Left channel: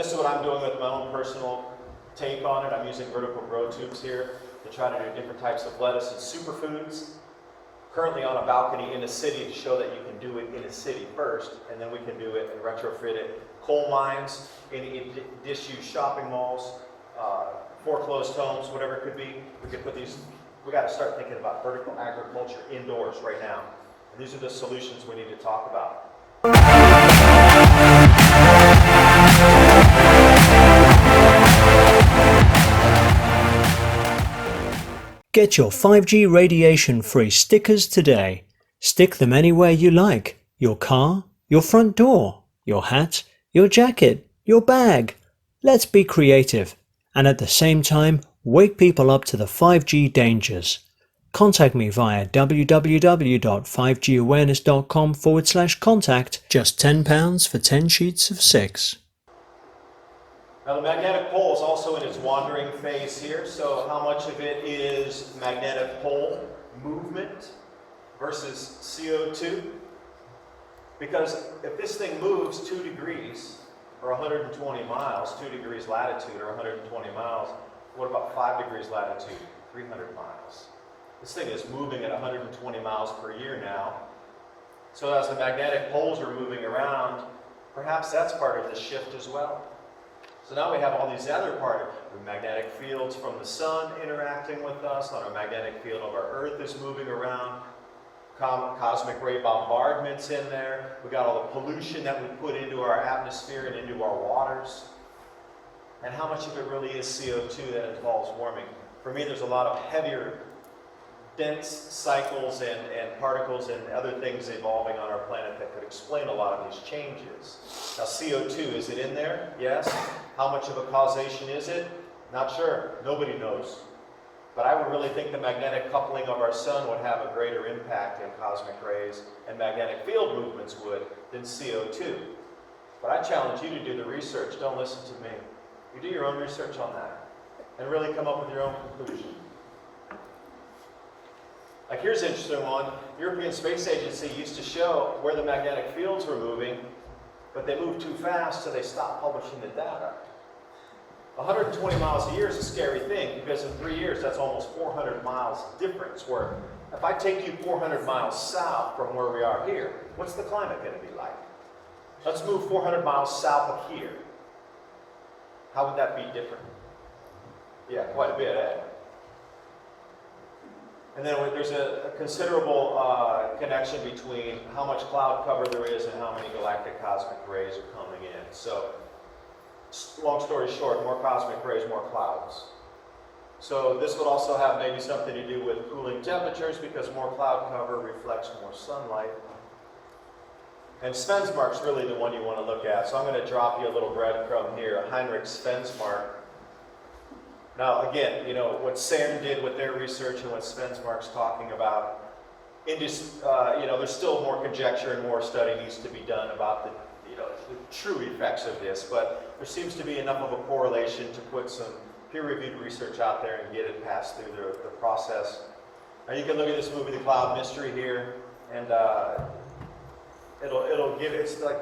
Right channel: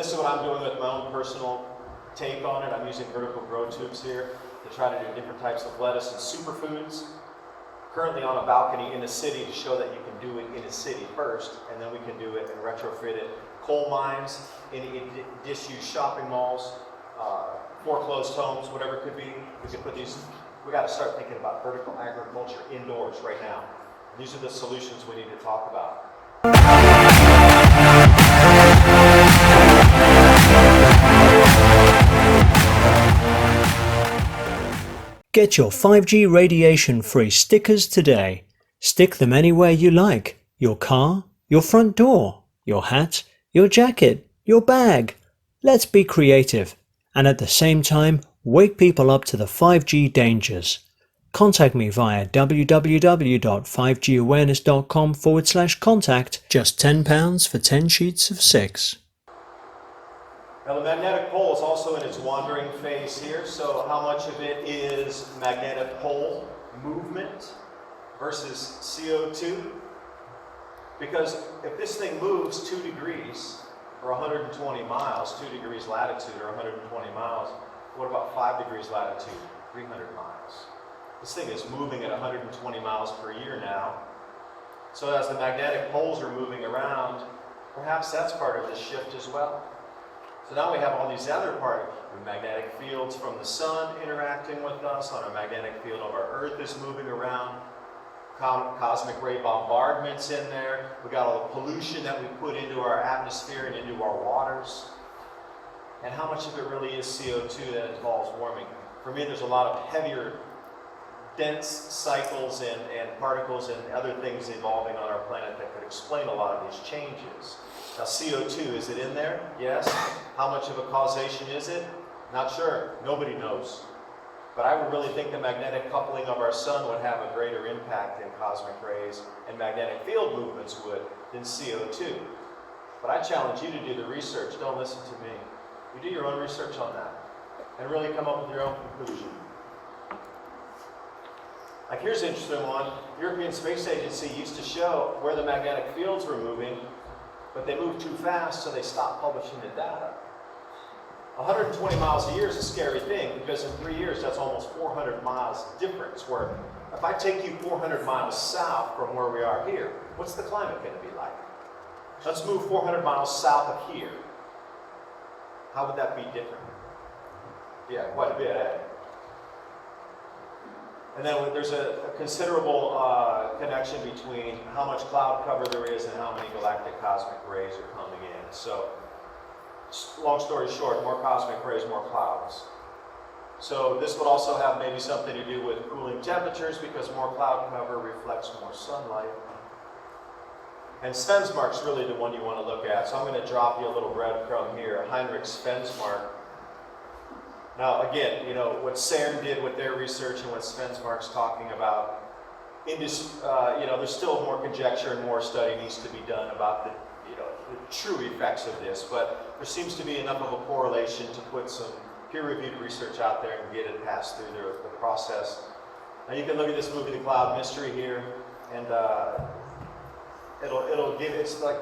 this is what I'm doing with my own personal take on it. I'm using vertical grow tubes here to try to do different types of lettuce and superfoods. Currently on a balcony in a city to show that you can do it in a city first, and then we can do it and retrofit it. Coal mines, in disused shopping malls, foreclosed homes, whatever it could be. We can put these, we got to start thinking about vertical agriculture indoors right now. And these are the solutions we need to talk about. Get your 5G radiation-free stickers today. Stick them anywhere you like. Your car, your front door, your hat, your jacket, your bag. Let's be creative and at the same time wake people up to the 5G dangers. Contact me via www.5gawareness.com/contact. Just £10 for 10 sheets of 6. Now the magnetic pole is also in its wandering phase here, so how much of it is magnetic pole movement versus CO2? Because if this thing moves 2 degrees or 120 miles, 2 degrees latitude or 120 miles, what about 5 degrees latitude, 300 miles? This thing is moving at 120 miles per year now. So as the magnetic poles are moving around, perhaps that's part of the shift as well. So now we have all these other parts, with magnetic fields from the sun interacting with us, on a magnetic field of our Earth is moving around, cosmic ray bombardment's in there, we got all the pollution that we put into our atmosphere and into our waters. And how much of it really is CO2 that involves warming? For me, there's a lot of heavier, dense cycles and particles and other things evolving on our planet that could explain a lot of these changes. Now CO2, is it in there? Yes. How much of a causation is it? Not sure. Nobody knows. But I would really think the magnetic coupling of our sun would have a greater impact in cosmic rays and magnetic field movements would than CO2. But I challenge you to do the research. Don't listen to me. You do your own research on that and really come up with your own conclusion. Like here's an interesting one. European Space Agency used to show where the magnetic fields were moving, but they moved too fast, so they stopped publishing the data. 120 miles a year is a scary thing, because in 3 years, that's almost 400 miles difference, where if I take you 400 miles south from where we are here, what's the climate going to be like? Let's move 400 miles south of here. How would that be different? Yeah, quite a bit, eh? And then there's a considerable connection between how much cloud cover there is and how many galactic cosmic rays are coming in. So, long story short, more cosmic rays, more clouds. So this would also have maybe something to do with cooling temperatures, because more cloud cover reflects more sunlight. And Svensmark's really the one you want to look at. So I'm going to drop you a little breadcrumb here, Heinrich Svensmark. Now again, you know, what CERN did with their research and what Svensmark's talking about, there's still more conjecture and more study needs to be done about the true effects of this, but there seems to be enough of a correlation to put some peer-reviewed research out there and get it passed through the process. Now you can look at this movie, The Cloud Mystery, here, and it'll give, it's like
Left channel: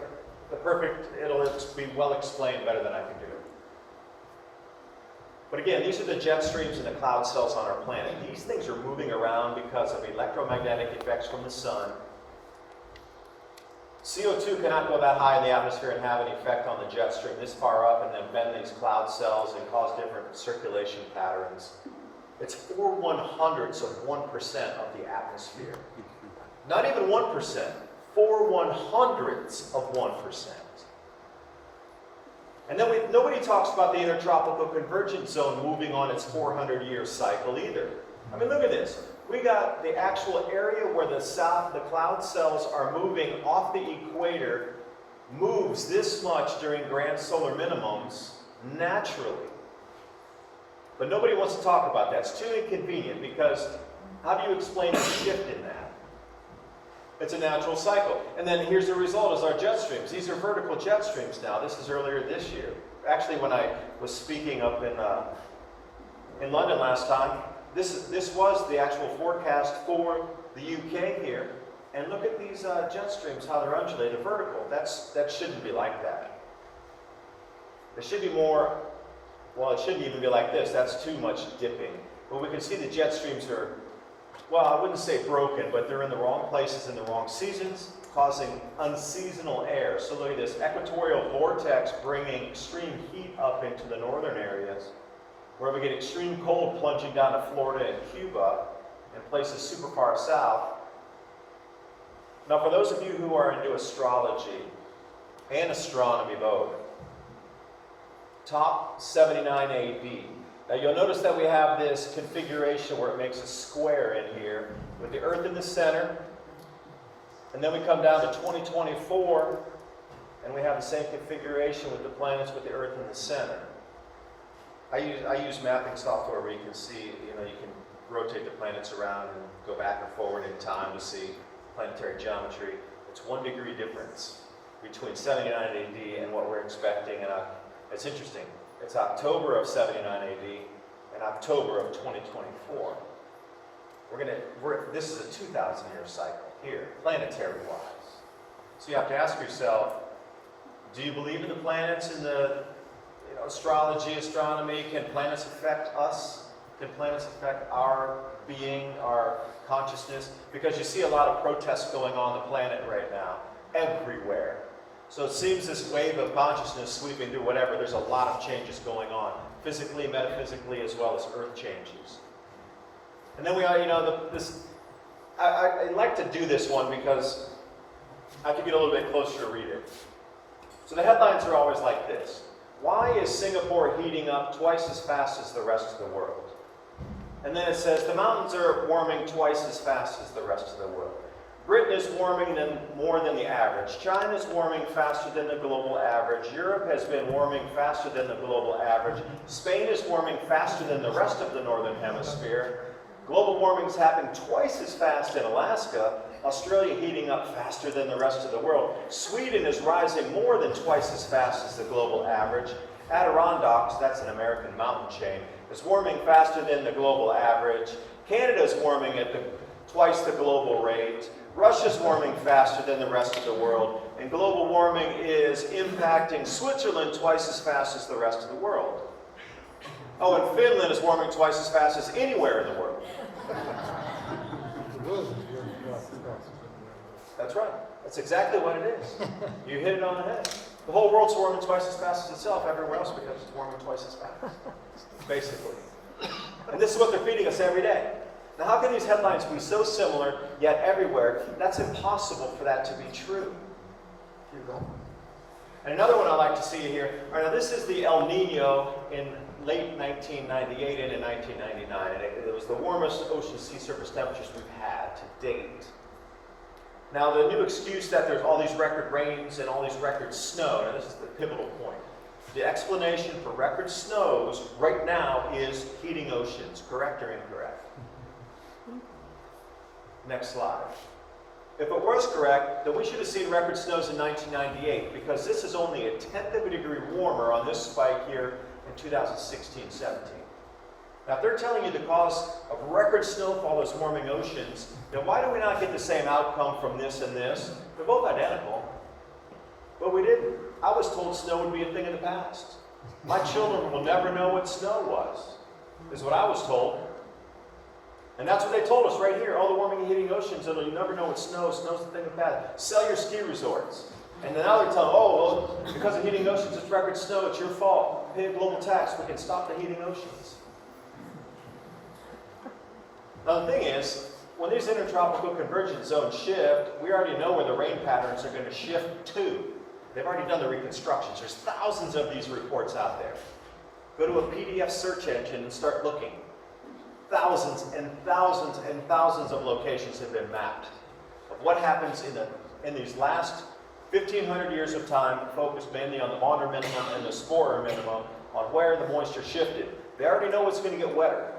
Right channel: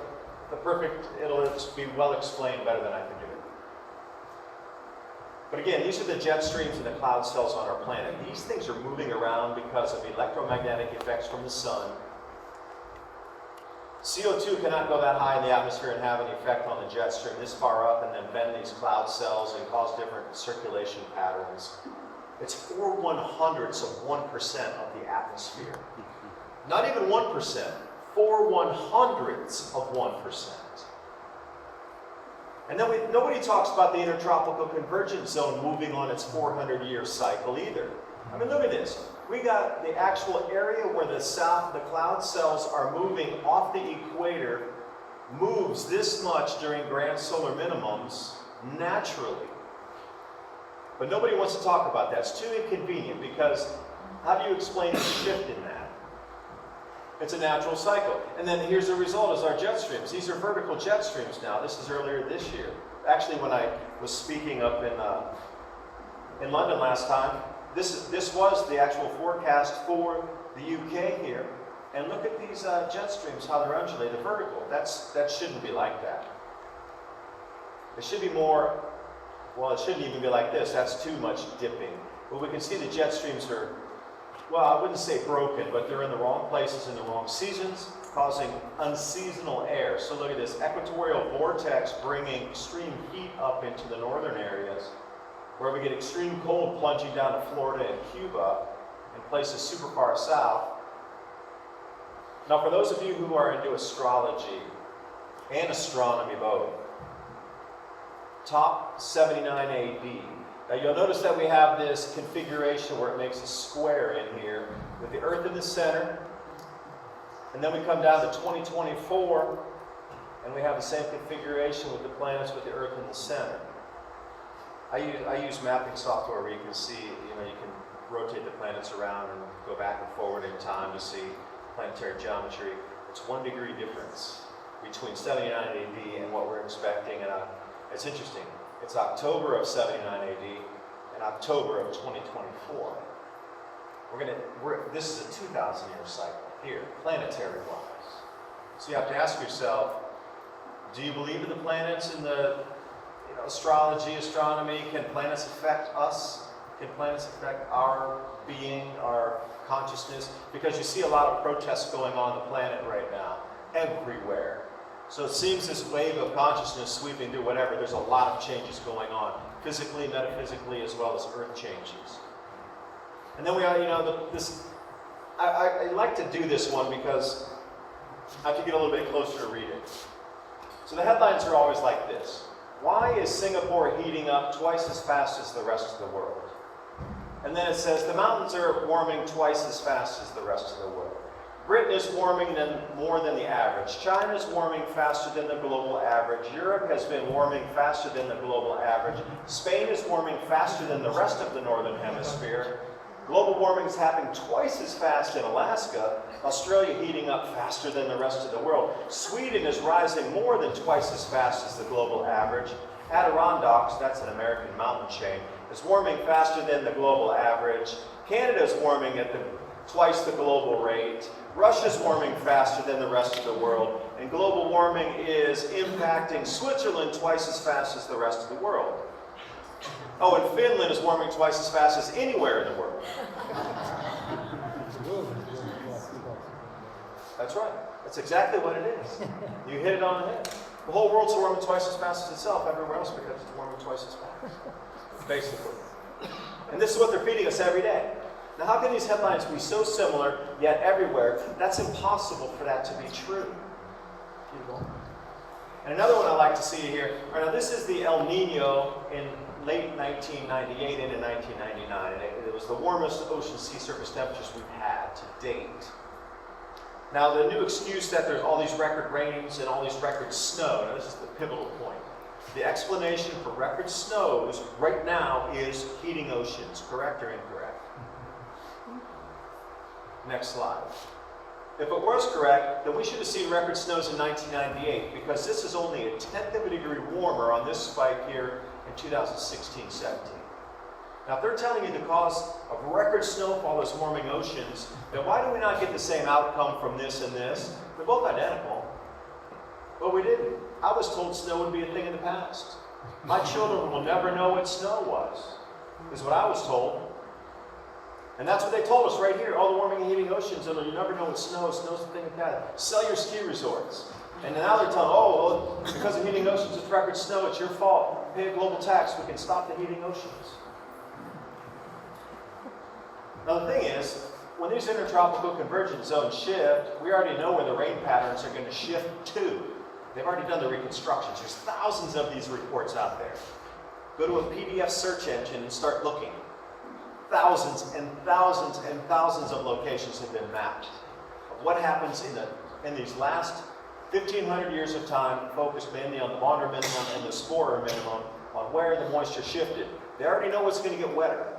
the perfect, it'll be well explained better than I can do it. But again, these are the jet streams and the cloud cells on our planet. These things are moving around because of electromagnetic effects from the sun. CO2 cannot go that high in the atmosphere and have an effect on the jet stream this far up and then bend these cloud cells and cause different circulation patterns. It's 4/100ths of 1% of the atmosphere. Not even 1%, 4/100ths of 1%. And then nobody talks about the intertropical convergence zone moving on its 400-year cycle either. I mean, look at this. We got the actual area where the cloud cells are moving off the equator, moves this much during grand solar minimums naturally. But nobody wants to talk about that. It's too inconvenient, because how do you explain a shift in that? It's a natural cycle. And then here's the result is our jet streams. These are vertical jet streams now. This is earlier this year. Actually, when I was speaking up in London last time, this was the actual forecast for the UK here. And look at these jet streams, how they're undulating, the vertical. That shouldn't be like that. It should be more, well, it shouldn't even be like this. That's too much dipping. But we can see the jet streams are, well, I wouldn't say broken, but they're in the wrong places in the wrong seasons, causing unseasonal air. So look at this equatorial vortex bringing extreme heat up into the northern areas, where we get extreme cold plunging down to Florida and Cuba and places super far south. Now, for those of you who are into astrology and astronomy both, top 79 AD. Now you'll notice that we have this configuration where it makes a square in here with the Earth in the center. And then we come down to 2024 and we have the same configuration with the planets with the Earth in the center. I use mapping software where you can see, you can rotate the planets around and go back and forward in time to see planetary geometry. It's 1 degree difference between 79 AD and what we're expecting. And it's interesting. It's October of 79 AD and October of 2024. This is a 2,000-year cycle here, planetary-wise. So you have to ask yourself, do you believe in the planets, in the astrology, astronomy? Can planets affect us? Can planets affect our being, our consciousness? Because you see a lot of protests going on the planet right now, everywhere. So it seems this wave of consciousness sweeping through whatever, there's a lot of changes going on, physically, metaphysically, as well as earth changes. And then we are, I like to do this one because I have to get a little bit closer to read it. So the headlines are always like this. Why is Singapore heating up twice as fast as the rest of the world? And then it says the mountains are warming twice as fast as the rest of the world. Britain is warming more than the average. China is warming faster than the global average. Europe has been warming faster than the global average. Spain is warming faster than the rest of the northern hemisphere. Global warming is happening twice as fast in Alaska. Australia heating up faster than the rest of the world. Sweden is rising more than twice as fast as the global average. Adirondacks, that's an American mountain chain, is warming faster than the global average. Canada is warming at twice the global rate. Russia's warming faster than the rest of the world, and global warming is impacting Switzerland twice as fast as the rest of the world. Oh, and Finland is warming twice as fast as anywhere in the world. That's right. That's exactly what it is. You hit it on the head. The whole world's warming twice as fast as itself everywhere else because it's warming twice as fast, basically. And this is what they're feeding us every day. Now, how can these headlines be so similar, yet everywhere? That's impossible for that to be true. And another one I like to see here, all right, now this is the El Nino in late 1998 and in 1999. And it was the warmest ocean sea surface temperatures we've had to date. Now, the new excuse that there's all these record rains and all these record snow, now this is the pivotal point. The explanation for record snows right now is heating oceans, correct or incorrect? Next slide. If it was correct, then we should have seen record snows in 1998 because this is only a 1/10 of a degree warmer on this spike here in 2016-17. Now, if they're telling you the cause of record snowfall is warming oceans, then why do we not get the same outcome from this and this? They're both identical. But we didn't. I was told snow would be a thing of the past. My children will never know what snow was, is what I was told. And that's what they told us right here. All the warming and heating oceans, and you never know what snow is. Snow's a thing of the past. Sell your ski resorts. And now they're telling, oh, well, because of heating oceans, it's record snow, it's your fault. Pay a global tax, we can stop the heating oceans. Now the thing is, when these intertropical convergence zones shift, we already know where the rain patterns are going to shift to. They've already done the reconstructions. There's thousands of these reports out there. Go to a PDF search engine and start looking. Thousands and thousands and thousands of locations have been mapped of what happens in these last 1,500 years of time, focused mainly on the water minimum and the spore minimum, on where the moisture shifted. They already know it's going to get wetter.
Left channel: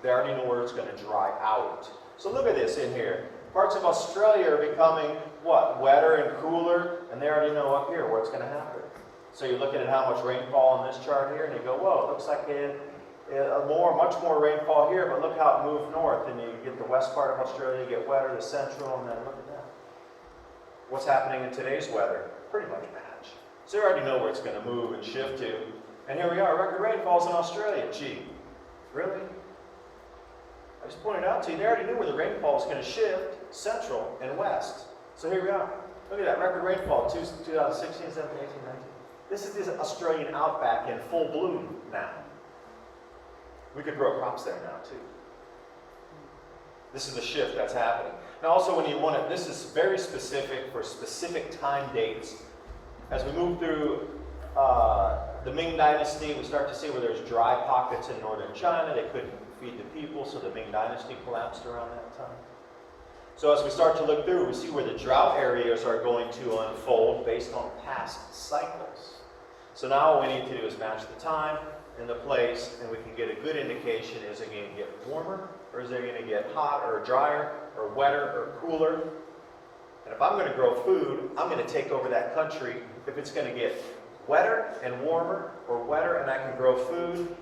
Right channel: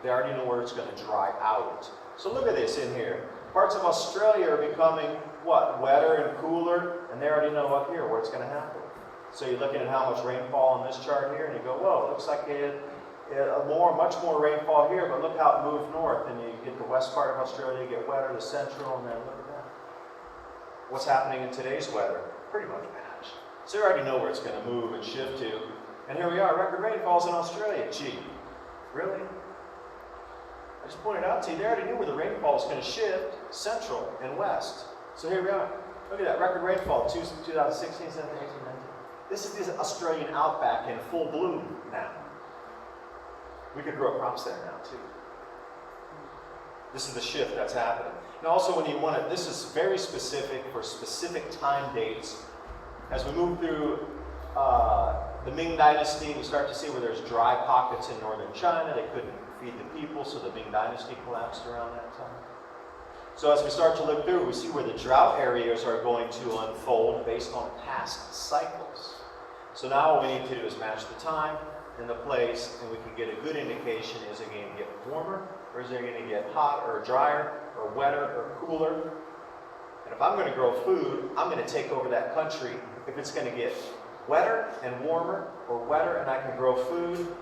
They already know where it's going to dry out. So look at this in here. Parts of Australia are becoming, what, wetter and cooler, and they already know up here what's going to happen. So you're looking at how much rainfall on this chart here, and you go, whoa, it looks like much more rainfall here, but look how it moved north, and you get the west part of Australia, you get wetter, the central, and then look at that. What's happening in today's weather? Pretty much match. So you already know where it's going to move and shift to. And here we are, record rainfalls in Australia. Gee, really? I just pointed out to you, they already knew where the rainfall is going to shift, central and west. So here we are. Look at that, record rainfall, 2016, 17, 18, 19. This is the Australian outback in full bloom now. We could grow crops there now, too. This is the shift that's happening. And also when you want to, this is very specific for specific time dates. As we move through the Ming Dynasty, we start to see where there's dry pockets in northern China. They couldn't feed the people, so the Ming Dynasty collapsed around that time. So as we start to look through, we see where the drought areas are going to unfold based on past cycles. So now what we need to do is match the time and the place, and we can get a good indication, is it going to get warmer, or is it going to get hot, or drier, or wetter, or cooler? And if I'm going to grow food, I'm going to take over that country. If it's going to get wetter and warmer, or wetter, and I can grow food,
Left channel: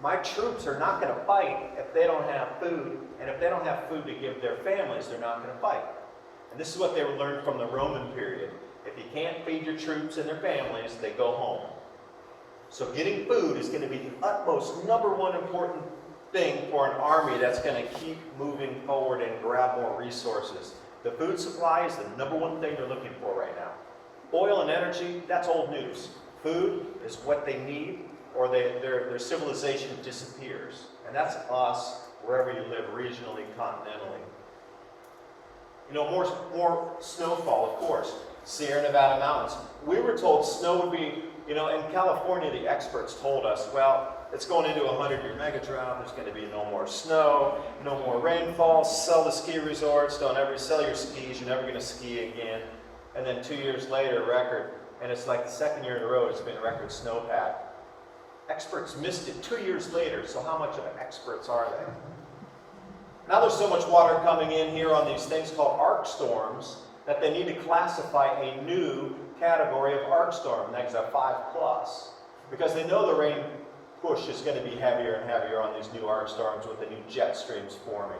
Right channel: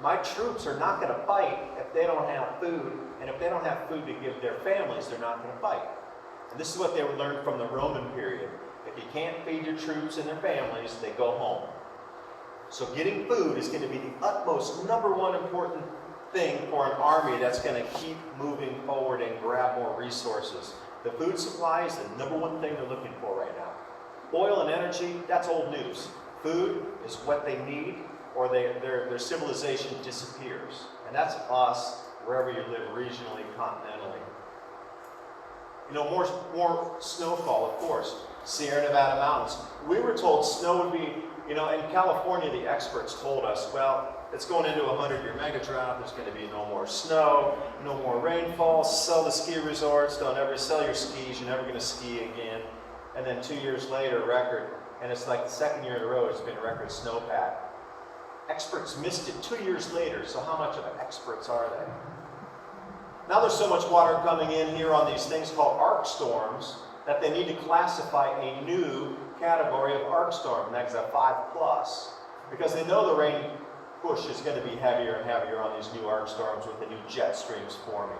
my troops are not going to fight if they don't have food, and if they don't have food to give their families, they're not going to fight. And this is what they learned from the Roman period. If you can't feed your troops and their families, they go home. So getting food is going to be the utmost #1 important thing for an army that's going to keep moving forward and grab more resources. The food supply is the #1 thing they're looking for right now. Oil and energy, that's old news. Food is what they need, or their civilization disappears. And that's us, wherever you live, regionally, continentally. You know, more snowfall, of course. Sierra Nevada mountains. We were told snow would be, you know, in California, the experts told us, well, it's going into a 100-year mega drought. There's going to be no more snow, no more rainfall. Sell the ski resorts. Don't ever sell your skis. You're never going to ski again. And then 2 years later, record, and it's like the second year in a row it's been a record snowpack. Experts missed it 2 years later, so how much of experts are they? Now there's so much water coming in here on these things called arc storms that they need to classify a new category of arc storm, that's a 5+, because they know the rain push is going to be heavier and heavier on these new arc storms with the new jet streams forming.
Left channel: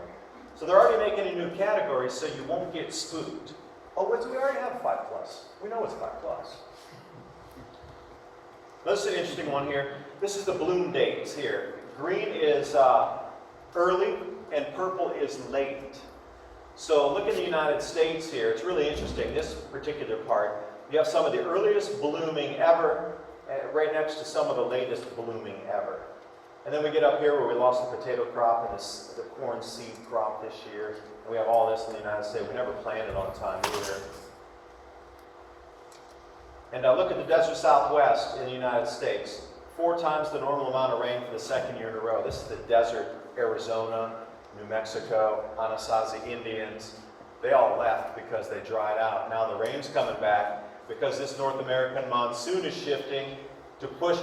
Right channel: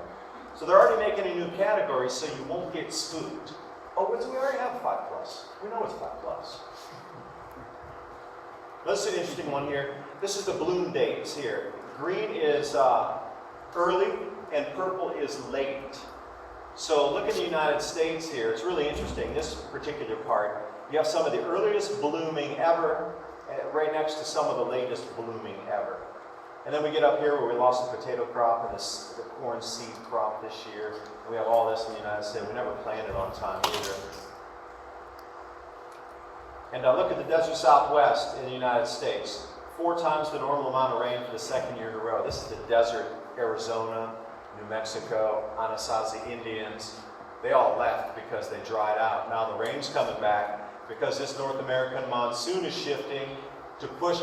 So they're already making a new category so you won't get spooked. Oh, we already have 5+. We know it's 5+. This is an interesting one here. This is the bloom dates here. Green is early and purple is late. So look in the United States here. It's really interesting, this particular part. You have some of the earliest blooming ever, right next to some of the latest blooming ever. And then we get up here where we lost the potato crop and the corn seed crop this year. And we have all this in the United States. We never planted on time either. And look at the desert Southwest in the United States. 4 times the normal amount of rain for the second year in a row. This is the desert Arizona, New Mexico, Anasazi Indians. They all left because they dried out. Now the rain's coming back because this North American monsoon is shifting to push,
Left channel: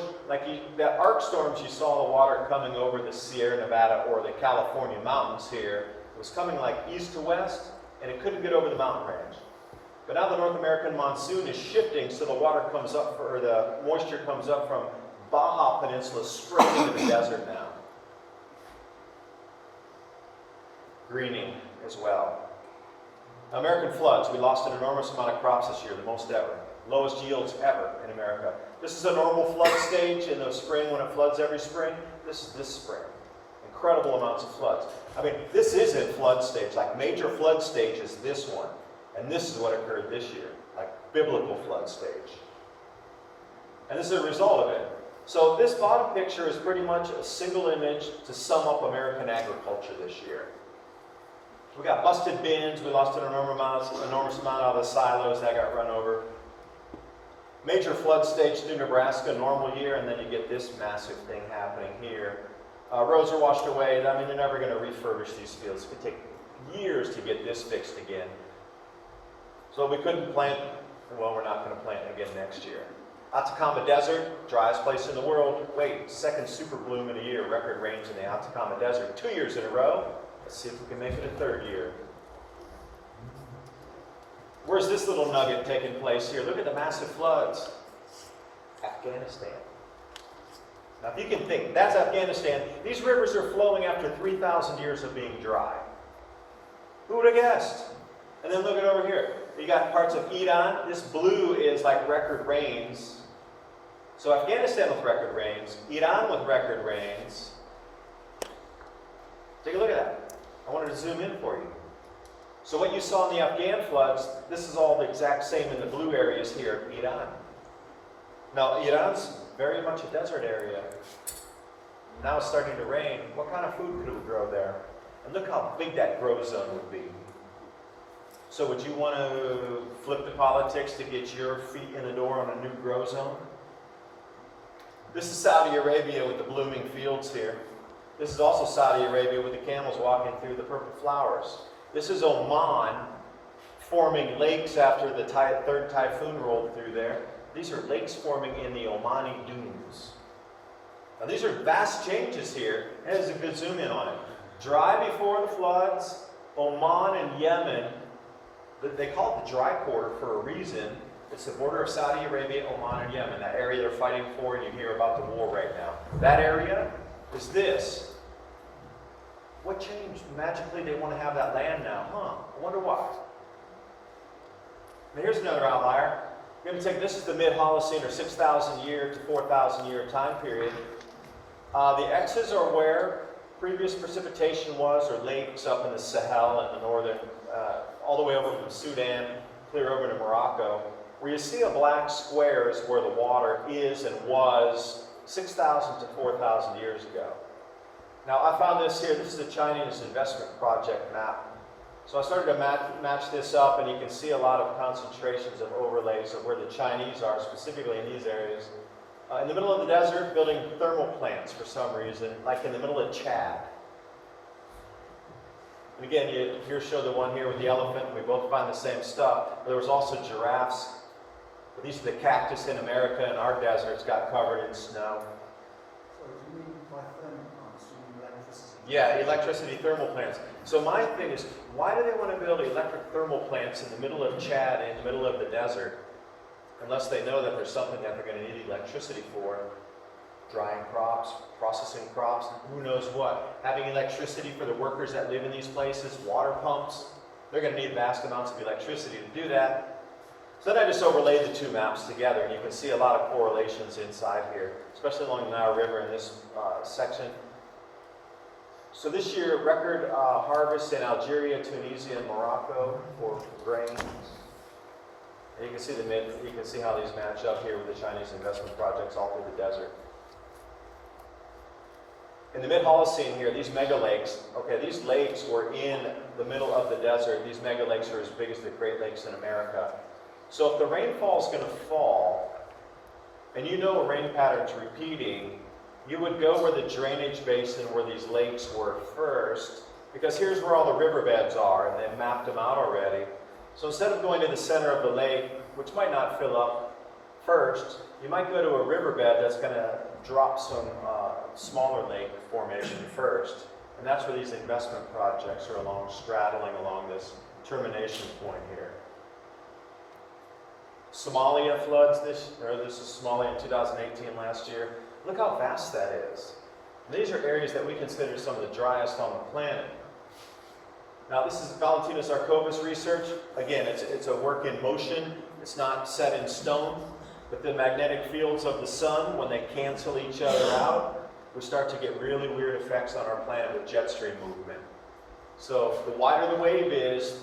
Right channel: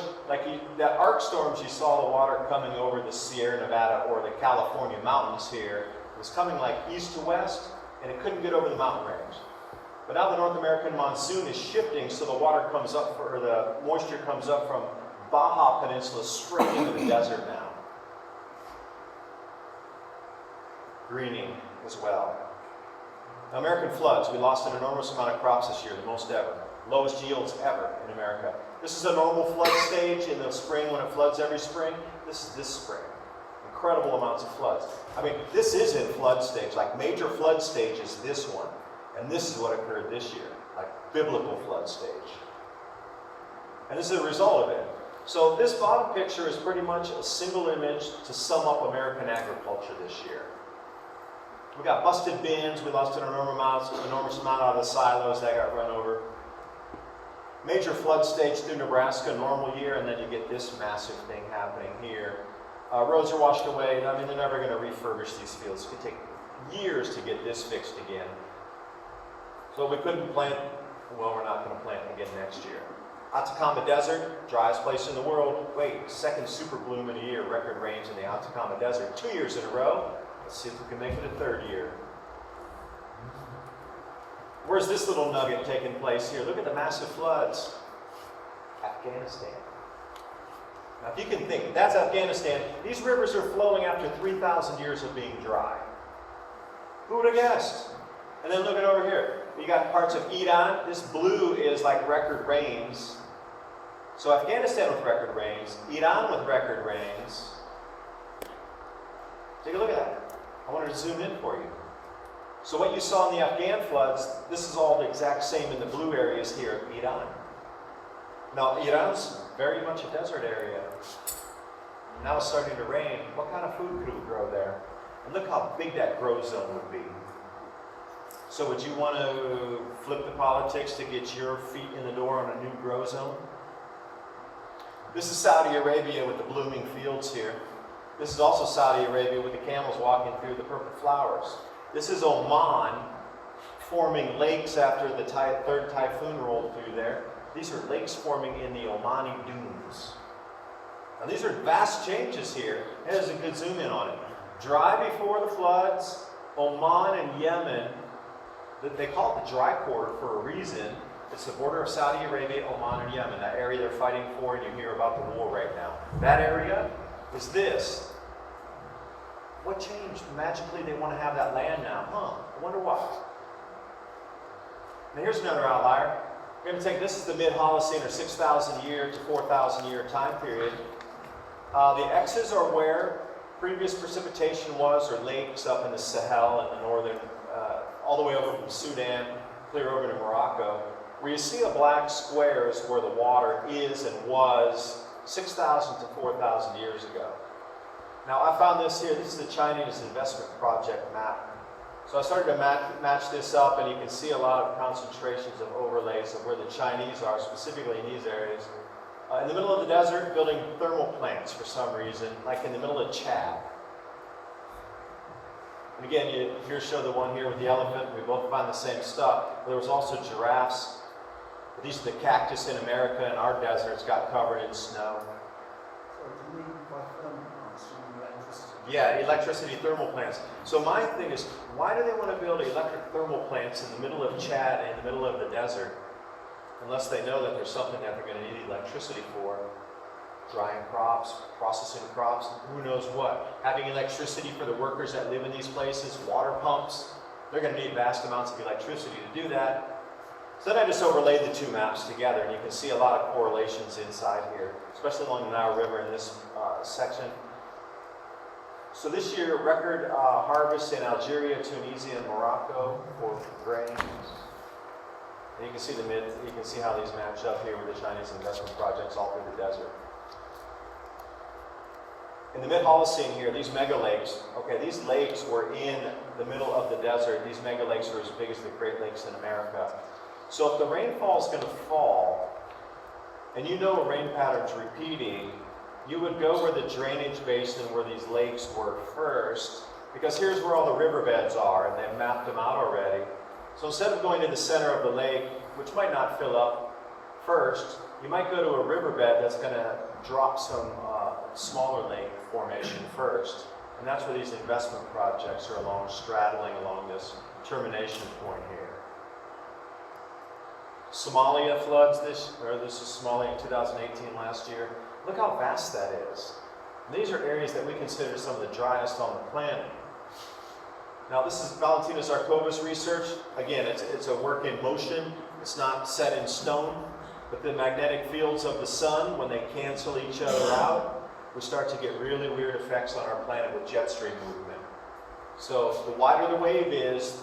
that arc storms you saw the water coming over the Sierra Nevada or the California mountains here. It was coming like east to west, and it couldn't get over the mountain range. But now the North American monsoon is shifting, so the water comes up, or the moisture comes up from Baja Peninsula straight into the desert now. Greening as well. American floods. We lost an enormous amount of crops this year, the most ever. Lowest yields ever in America. This is a normal flood stage in the spring when it floods every spring. This is this spring. Incredible amounts of floods. I mean, this isn't flood stage. Like major flood stage is this one. And this is what occurred this year, like biblical flood stage. And this is a result of it. So this bottom picture is pretty much a single image to sum up American agriculture this year. We got busted bins, we lost an enormous amount out of the silos that got run over. Major flood stage through Nebraska, normal year, and then you get this massive thing happening here. Roads are washed away. I mean, they're never going to refurbish these fields. It could take years to get this fixed again. So we couldn't plant, well, we're not going to plant again next year. Atacama Desert, driest place in the world. Wait, second super bloom in a year, record rains in the Atacama Desert. 2 years in a row. Let's see if we can make it a third year. Where's this little nugget taking place here? Look at the massive floods. Afghanistan. Now if you can think, that's Afghanistan. These rivers are flowing after 3,000 years of being dry. Who would have guessed? And then look at over here. you got parts of Iran. This blue is like record rains. So Afghanistan with record rains, Iran with record rains. Take a look at that. I wanted to zoom in for you. So what you saw in the Afghan floods, this is all the exact same in the blue areas here in Iran. Now, Iran's very much a desert area. Now it's starting to rain. What kind of food could we grow there? And look how big that grow zone would be. So would you want to flip the politics to get your feet in the door on a new grow zone? This is Saudi Arabia with the blooming fields here. This is also Saudi Arabia with the camels walking through the purple flowers. This is Oman forming lakes after the third typhoon rolled through there. These are lakes forming in the Omani dunes. Now these are vast changes here. There's a good zoom in on it. Dry before the floods, Oman and Yemen, they call it the dry quarter for a reason. It's the border of Saudi Arabia, Oman, and Yemen, that area they're fighting for, and you hear about the war right now. That area is this. What changed? Magically, they want to have that land now, huh? I wonder why. Now here's another outlier. We're going to take, this is the mid-Holocene, or 6,000 year to 4,000 year time period. The X's are where previous precipitation was, or lakes up in the Sahel and the northern, all the way over from Sudan, clear over to Morocco. Where you see a black square is where the water is and was 6,000 to 4,000 years ago. Now I found this here, this is the Chinese investment project map. So I started to match this up, and you can see a lot of concentrations of overlays of where the Chinese are, specifically in these areas. In the middle of the desert, building thermal plants for some reason, like in the middle of Chad. And again, here show the one here with the elephant. We both find the same stuff. There was also giraffes. But these are the cactus in America, and our deserts got covered in snow. So do you mean by thermal plants, you mean electricity? Yeah, electricity thermal plants. So my thing is, why do they want to build electric thermal plants in the middle of Chad, in the middle of the desert, unless they know that there's something that they're going to need electricity for? Drying crops, processing crops, who knows what. Having electricity for the workers that live in these places, water pumps. They're going to need vast amounts of electricity to do that. So then I just overlaid the two maps together, and you can see a lot of correlations inside here, especially along the Nile River in this section. So this year, record harvest in Algeria, Tunisia, and Morocco for grains. And you can see how these match up here with the Chinese investment projects all through the desert. In the mid-Holocene here, these mega lakes, okay, these lakes were in the middle of the desert. These mega lakes are as big as the Great Lakes in America. So if the rainfall is going to fall, and you know a rain pattern's repeating, you would go where the drainage basin where these lakes were first, because here's where all the riverbeds are, and they've mapped them out already. So instead of going to the center of the lake, which might not fill up first, you might go to a riverbed that's going to drop some smaller lake formation first. And that's where these investment projects are straddling along this termination point here. Somalia floods this is Somalia in 2018 last year. Look how vast that is. And these are areas that we consider some of the driest on the planet. Now this is Valentina Zarkova's research. Again, it's a work in motion. It's not set in stone. But the magnetic fields of the sun, when they cancel each other out, we start to get really weird effects on our planet with jet stream movement. So the wider the wave is,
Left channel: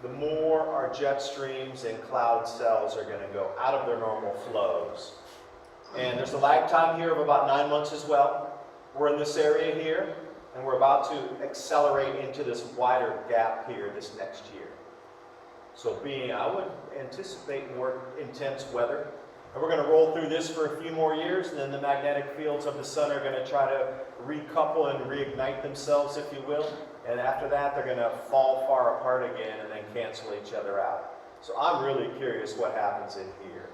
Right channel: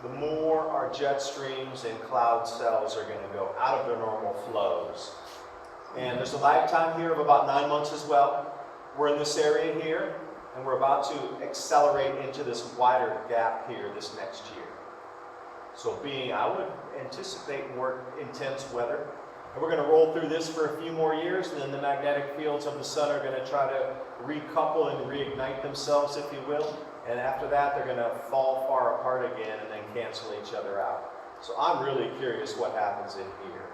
the more our jet streams and cloud cells are going to go out of their normal flows. And there's a lag time here of about 9 months as well. We're in this area here, and we're about to accelerate into this wider gap here this next year. So I would anticipate more intense weather. And we're going to roll through this for a few more years, and then the magnetic fields of the sun are going to try to recouple and reignite themselves, if you will. And after that, they're going to fall far apart again and then cancel each other out. So I'm really curious what happens in here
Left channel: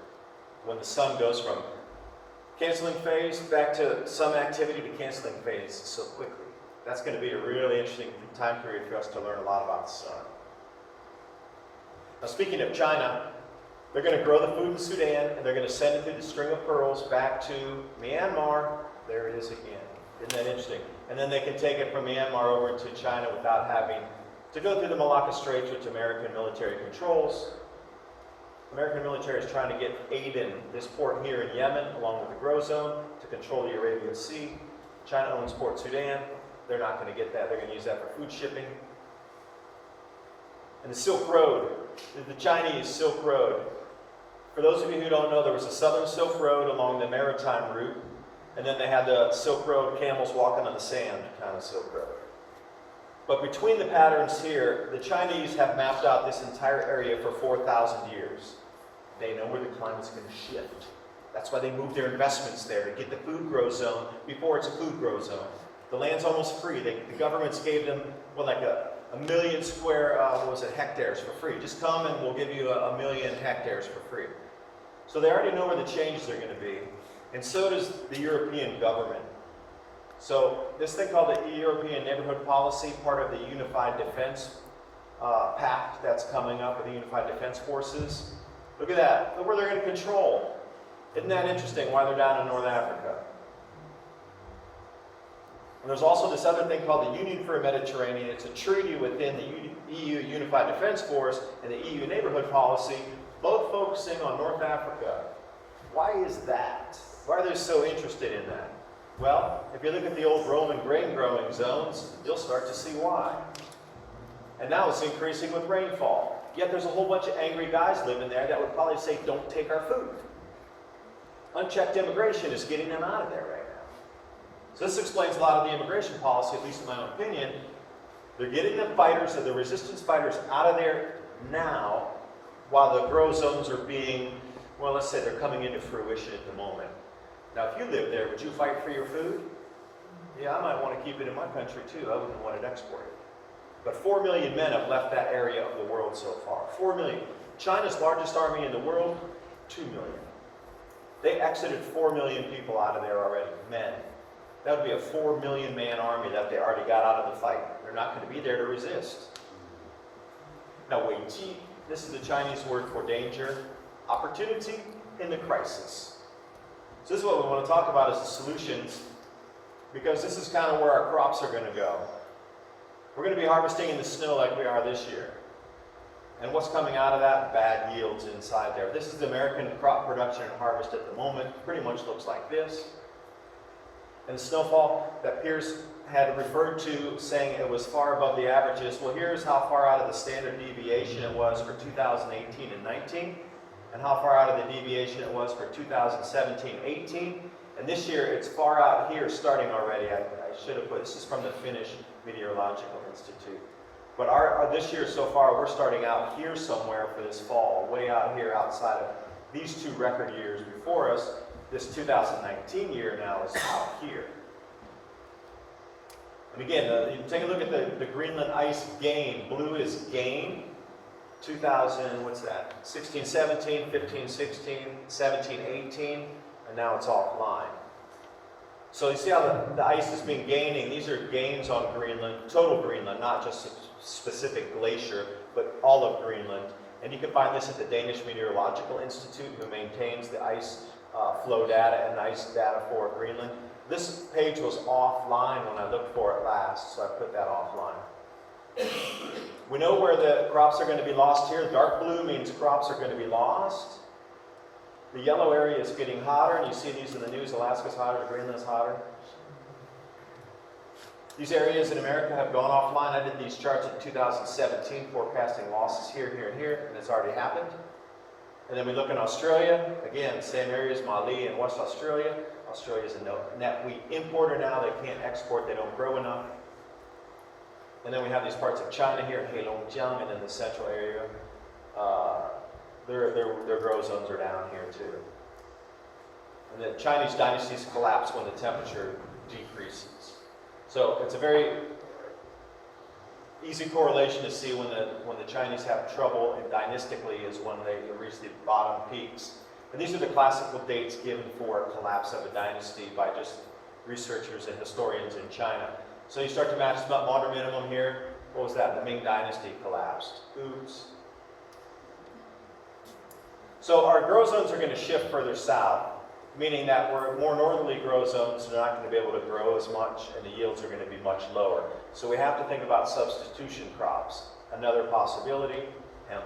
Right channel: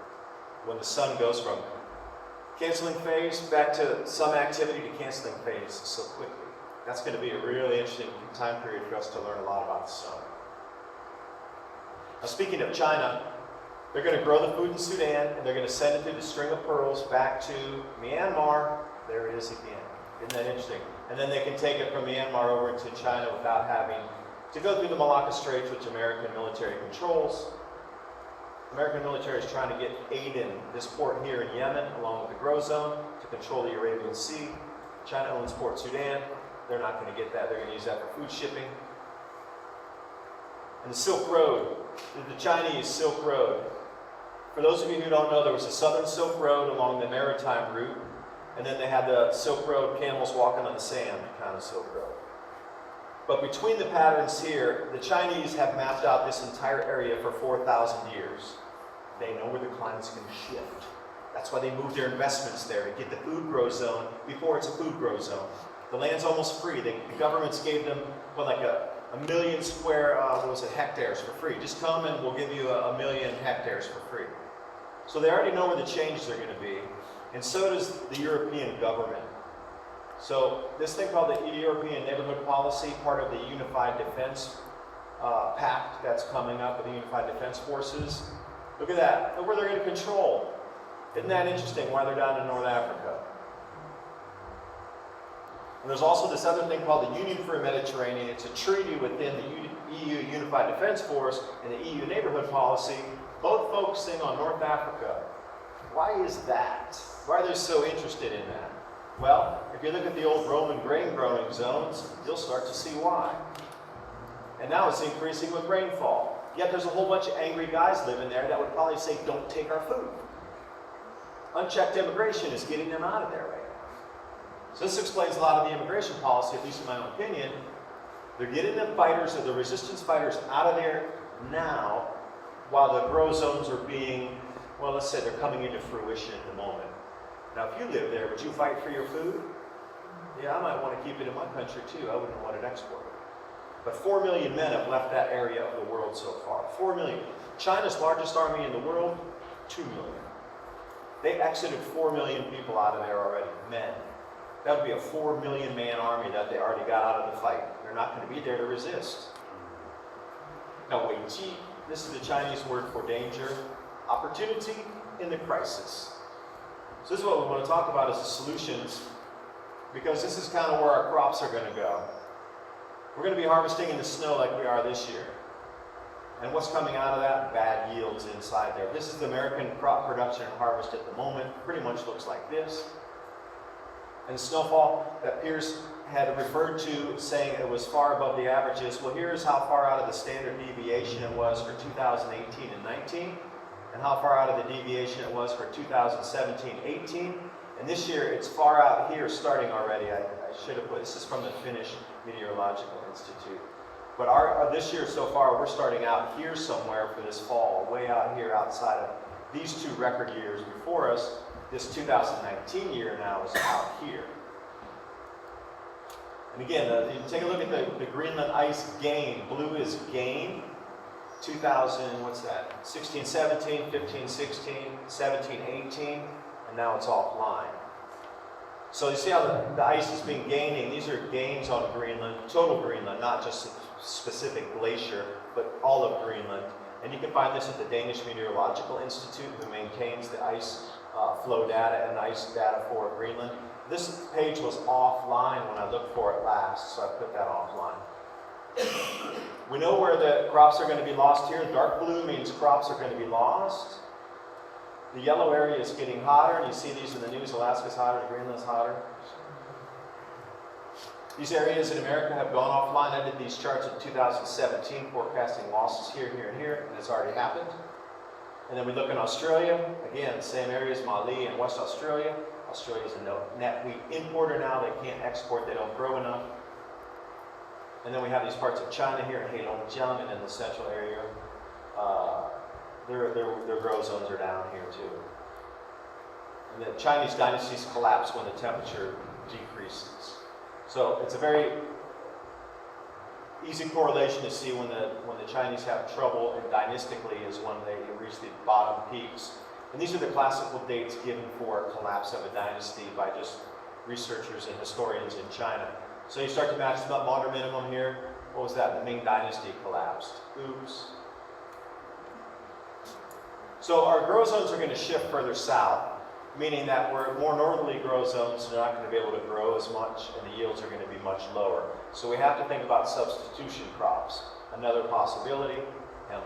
when the sun goes from canceling phase back to some activity to canceling phase so quickly. That's going to be a really interesting time period for us to learn a lot about the sun. Now, speaking of China, they're going to grow the food in Sudan, and they're going to send it through the string of pearls back to Myanmar. There it is again. Isn't that interesting? And then they can take it from Myanmar over into China without having to go through the Malacca Straits, which American military controls. American military is trying to get Aden, this port here in Yemen, along with the Grow Zone, to control the Arabian Sea. China owns Port Sudan. They're not going to get that. They're going to use that for food shipping. And the Silk Road, the Chinese Silk Road. For those of you who don't know, there was a southern Silk Road along the maritime route, and then they had the Silk Road, camels walking on the sand kind of Silk Road. But between the patterns here, the Chinese have mapped out this entire area for 4,000 years. They know where the climate's going to shift. That's why they moved their investments there, to get the food grow zone before it's a food grow zone. The land's almost free. The governments gave them, well, like a million square, hectares for free. Just come and we'll give you a million hectares for free. So they already know where the changes are going to be. And so does the European government. So this thing called the European Neighborhood Policy, part of the Unified Defense Pact that's coming up with the Unified Defense Forces. Look at that. Look where they're going to control. Isn't that interesting, why they're down in North Africa? And there's also this other thing called the Union for the Mediterranean. It's a treaty within the EU Unified Defense Force and the EU Neighborhood Policy, both focusing on North Africa. Why is that? Why are they so interested in that? Well, if you look at the old Roman grain growing zones, you'll start to see why. And now it's increasing with rainfall. Yet there's a whole bunch of angry guys living there that would probably say, don't take our food. Unchecked immigration is getting them out of there right now. So this explains a lot of the immigration policy, at least in my own opinion. They're getting the fighters, or the resistance fighters, out of there now, while the grow zones are being, well, let's say they're coming into fruition at the moment. Now, if you live there, would you fight for your food? Yeah, I might want to keep it in my country too. I wouldn't want it exported. But 4 million men have left that area of the world so far. 4 million. China's largest army in the world, 2 million. They exited 4 million people out of there already, men. That would be a 4 million man army that they already got out of the fight. They're not going to be there to resist. Now, Wei Qi, this is the Chinese word for danger, opportunity in the crisis. So this is what we want to talk about, is the solutions, because this is kind of where our crops are going to go. We're going to be harvesting in the snow like we are this year. And what's coming out of that? Bad yields inside there. This is the American crop production and harvest at the moment. Pretty much looks like this. And the snowfall that Pierce had referred to, saying it was far above the averages. Well, here's how far out of the standard deviation it was for 2018 and 19, and how far out of the deviation it was for 2017-18. And this year, it's far out here starting already. I should have put, this is from the Finnish Meteorological Institute. But this year so far, we're starting out here somewhere for this fall, way out here outside of these two record years before us. This 2019 year now is out here. And again, you take a look at the Greenland ice gain. Blue is gain. 2000, what's that? 16, 17, 15, 16, 17, 18, and now it's offline. So you see how the ice has been gaining. These are gains on Greenland, total Greenland, not just a specific glacier, but all of Greenland. And you can find this at the Danish Meteorological Institute, who maintains the ice flow data and ice data for Greenland. This page was offline when I looked for it last, so I put that offline. We know where the crops are going to be lost here. Dark blue means crops are going to be lost. The yellow area is getting hotter, and you see these in the news. Alaska's hotter, Greenland's hotter. These areas in America have gone offline. I did these charts in 2017, forecasting losses here, here, and here, and it's already happened. And then we look in Australia. Again, same areas, Mali and West Australia. Australia's a net wheat importer now. They can't export. They don't grow enough. And then we have these parts of China here, Heilongjiang, and in the central area. Their grow zones are down here too. And the Chinese dynasties collapse when the temperature decreases. So it's a very easy correlation to see when the Chinese have trouble, and dynastically is when they reach the bottom peaks. And these are the classical dates given for collapse of a dynasty by just researchers and historians in China. So you start to match the modern minimum here. What was that? The Ming Dynasty collapsed. Oops. So our grow zones are going to shift further south, meaning that we're more northerly grow zones, they're not going to be able to grow as much, and the yields are going to be much lower. So we have to think about substitution crops. Another possibility, hemp.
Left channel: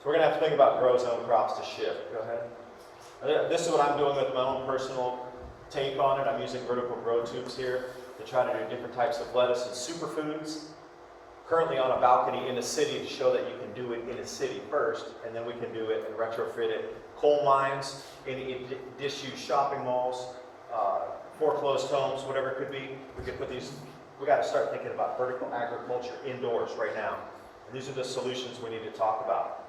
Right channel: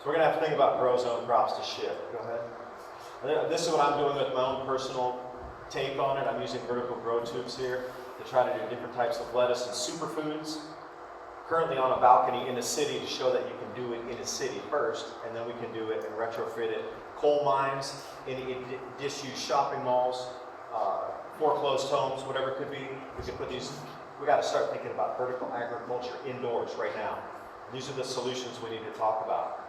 So we're going to have to think about grow zone crops to shift. Go ahead. This is what I'm doing with my own personal take on it. I'm using vertical grow tubes here to try to do different types of lettuce and superfoods. Currently on a balcony in the city to show that you can do it in a city first, and then we can do it and retrofit it. Coal mines, in disused shopping malls, foreclosed homes, whatever it could be. We could put these, we got to start thinking about vertical agriculture indoors right now. And these are the solutions we need to talk about.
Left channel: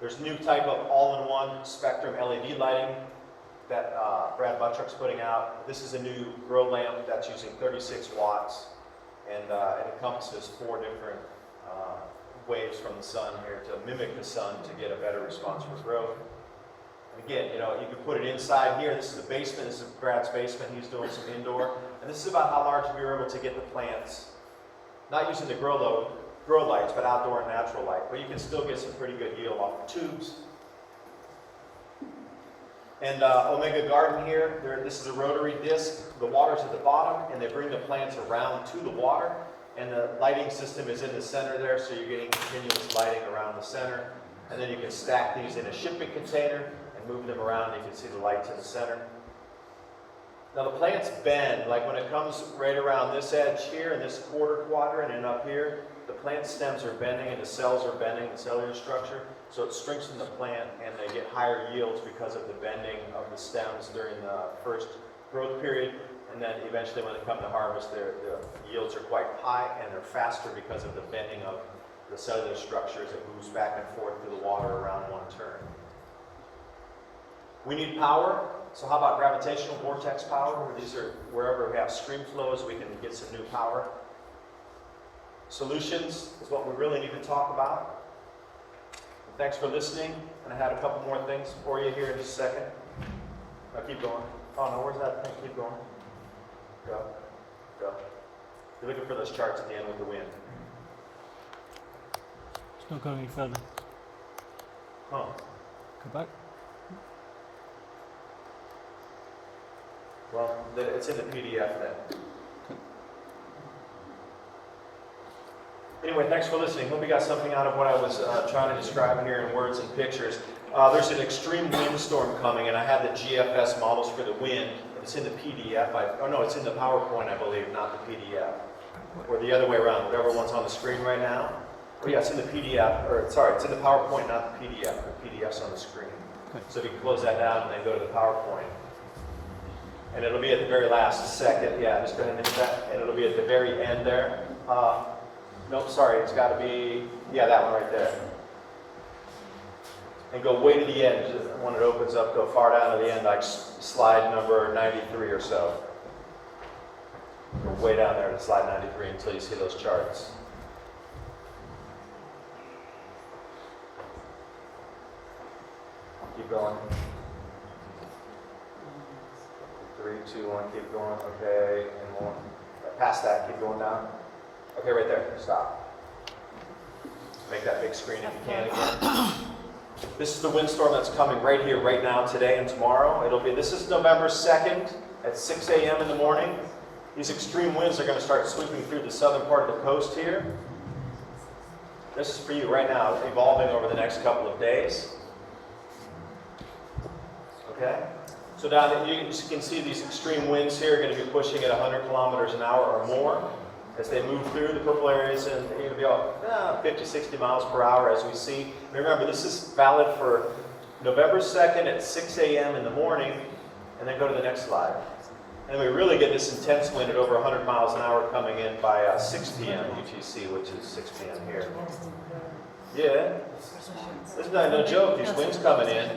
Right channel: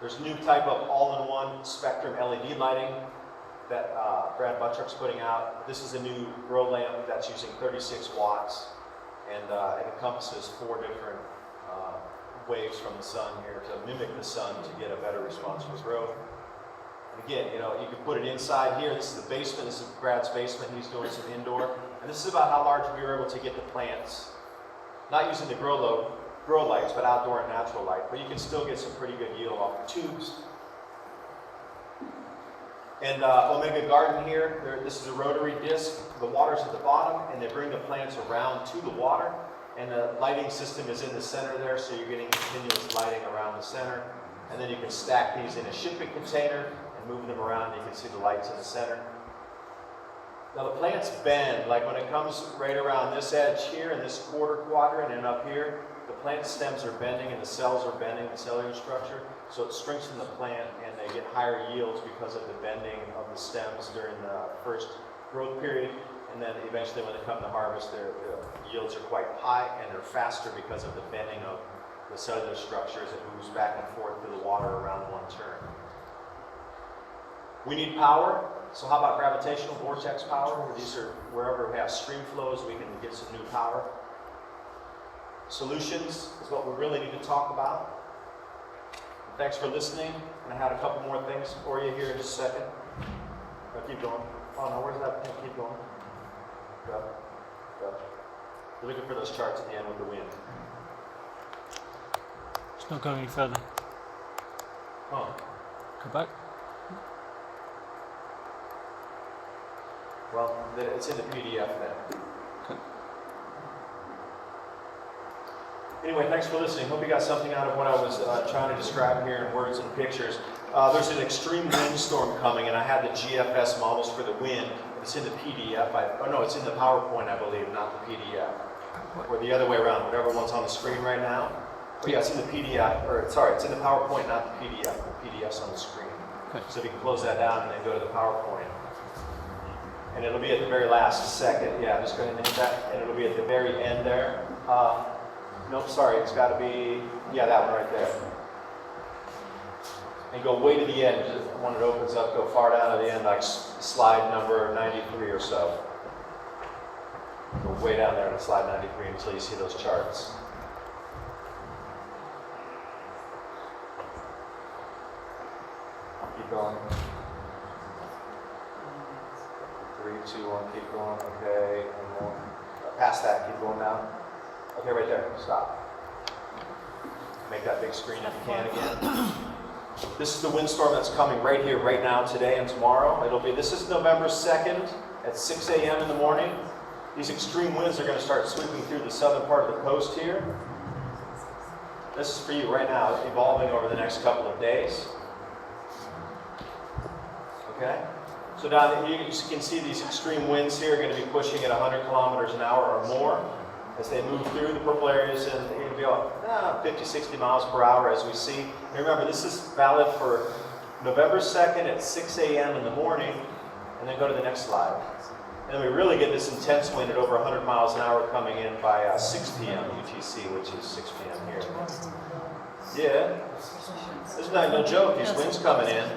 There's a new type of all-in-one spectrum LED lighting that Brad Buttrick's putting out. This is a new grow lamp that's using 36 watts, and it encompasses 4 different waves from the sun here to mimic the sun to get a better response for growth. And again, you know, you can put it inside here. This is the basement. This is Brad's basement. He's doing some indoor. And this is about how large we were able to get the plants, not using the grow lights, but outdoor and natural light. But you can still get some pretty good yield off the tubes. And Omega Garden here, this is a rotary disc. The water's at the bottom, and they bring the plants around to the water. And the lighting system is in the center there, so you're getting continuous lighting around the center. And then you can stack these in a shipping container and move them around, and you can see the lights in the center. Now the plants bend, like when it comes right around this edge here in this quarter quadrant and up here, the plant stems are bending and the cells are bending, the cellular structure, so it strengthens the plant and they get higher yields because of the bending of the stems during the first growth period, and then eventually when they come to harvest, the yields are quite high and they're faster because of the bending of the cellular structure as it moves back and forth through the water around one turn. We need power, so how about gravitational vortex power, where these are wherever we have stream flows, we can get some new power. Solutions is what we really need to talk about. And thanks for listening, and I had a couple more things for you here in just a second. Keep going. Oh no, where's that thing? Keep going. Go. Go. You're looking for those charts at the end with the wind. It's not going any further. Huh. Go back. Well, it's in the PDF then. Anyway, thanks for listening. Hope you got something out of what I was trying to describe here in words and pictures. There's an extreme windstorm coming, and I had the GFS models for the wind. It's in the PDF. No, it's in the PowerPoint, I believe, not the PDF. Or the other way around, whatever one's on the screen right now. Oh yeah, it's in the PDF, or sorry, it's in the PowerPoint, not the PDF. The PDF's on the screen. Okay. So if you can close that down and then go to the PowerPoint. And it'll be at the very last second. Yeah, just go ahead and hit that. And it'll be at the very end there. Nope, sorry, it's got to be, yeah, that one right there. And go way to the end. When it opens up, go far down to the end, like slide number 93 or so. Go way down there to slide 93 until you see those charts. Keep going. 3, 2, 1, keep going. Okay, and more. Past that, keep going down. Okay, right there. Stop. Make that big screen if you can again. This is the windstorm that's coming right here, right now, today and tomorrow. This is November 2nd at 6 a.m. in the morning. These extreme winds are going to start sweeping through the southern part of the coast here. This is for you right now, evolving over the next couple of days. Okay? So down there, you can see these extreme winds here are going to be pushing at 100 kilometers an hour or more as they move through the purple areas, and it'll be about 50, 60 miles per hour as we see. And remember, this is valid for November 2nd at 6 a.m. in the morning, and then go to the next slide. And then we really get this intense wind at over 100 miles an hour coming in by 6 p.m. UTC, which is 6 p.m. here. Yeah, there's no joke, these winds coming in.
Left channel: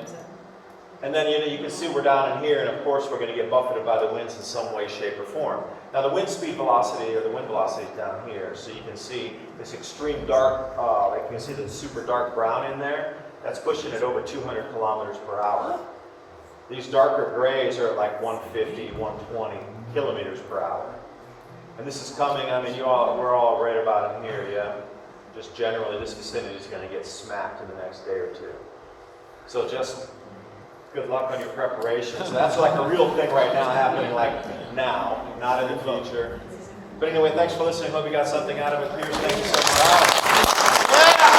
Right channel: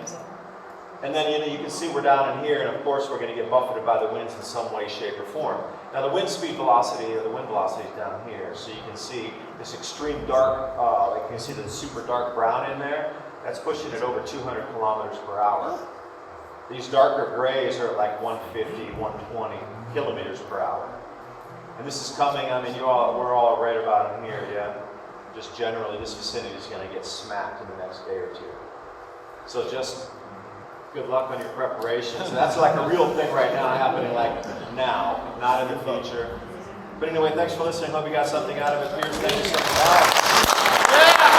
And then you can see we're down in here, and of course we're going to get buffeted by the winds in some way, shape, or form. Now the wind speed velocity, or the wind velocity is down here, so you can see this extreme dark, like you can see the super dark brown in there, that's pushing it over 200 kilometers per hour. These darker grays are at like 150, 120 kilometers per hour. And this is coming, I mean, we're all right about in here, yeah? Just generally, this vicinity is going to get smacked in the next day or two. So just good luck on your preparations. So that's like a real thing right now happening like now, not in the future. But anyway, thanks for listening. Hope you got something out of it. Pierce, thank you so much. Yeah!